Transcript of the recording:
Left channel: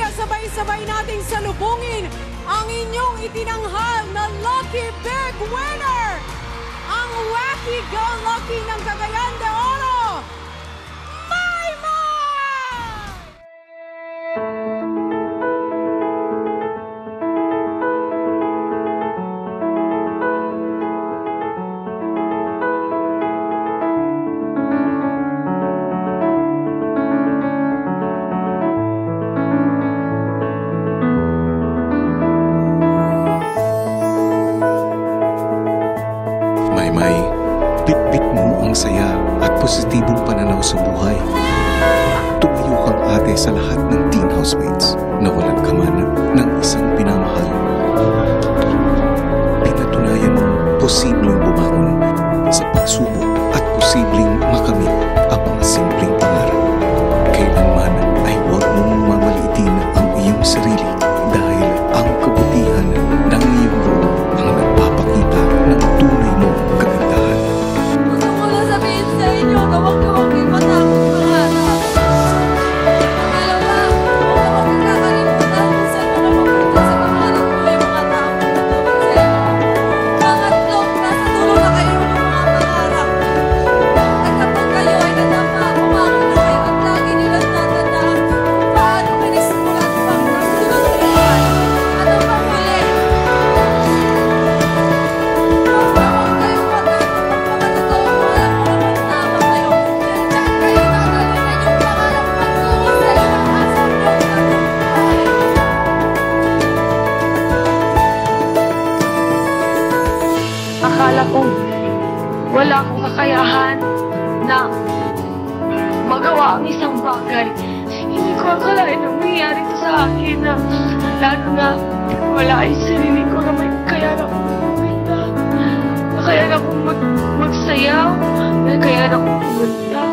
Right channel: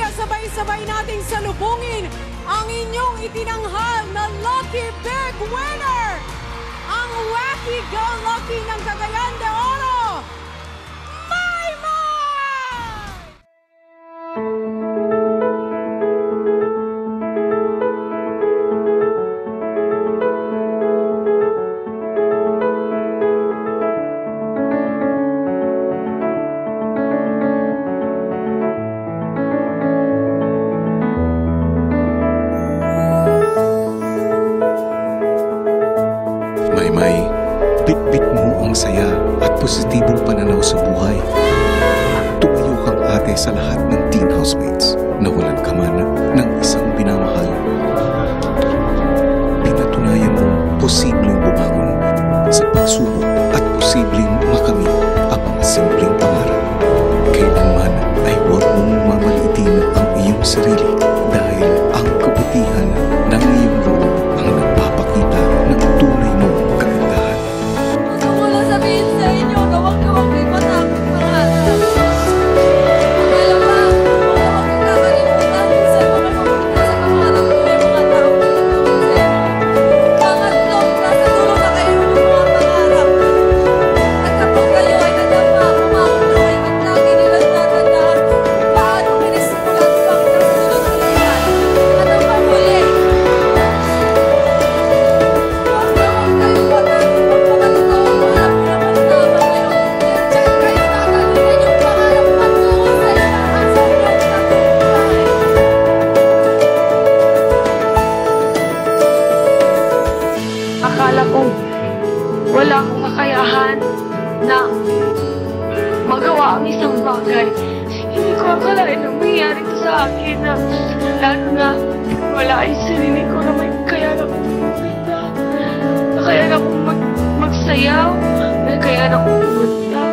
Kaya sabay-sabay nating salubungin ang inyong itinanghal na Lucky Big Winner! Ang Wacky Go Lucky ng Cagayan de Oro! Maymay, bitbit mo ang saya at positibong pananaw sa buhay. Tumayo kang ate sa lahat ng teen housemates na walang kaman ng isang pinamahal. Pinatunayan mo posibleng bumangon sa pagsubok at posibleng makamit ang mga simpleng pangarap. Kailanman ay huwag mong mamaliitin ang iyong sarili dahil ang kabutihan ng iyong loob ang nagpapakita ng tunay mong kagandahan. Gusto ko lang sabihin sa inyo na huwag kayo matakot pangarap. Pangalawa, huwag na huwag kakalimutan kung saan mo kayo mapunta sa pangarap ko yung mga taong tutulong sa inyo. Pangatlo, nasa dulo na kayo yung mga pangarap. At kapag kayo ay nadama, umangon na kayo at lagi nilang tatandaan kung paano pinisimulan pang nasunod kayo yan. At ang panghuli, huwag na huwag kayo matakot magpakatotoo mo alam mo naman tama kayo. Dahil dyan kayo tatalinan yung pangarap patungo sa inaasam niyong tagumpay. Akala ko wala akong kakayahan na magawa ang isang bagay. Hindi ko akalain na mangyayari ito sa akin na lalo na wala yung sarili ko na may kakayahan akong kumita, na kakayahan akong magsayaw, na kakayahan akong kumanta.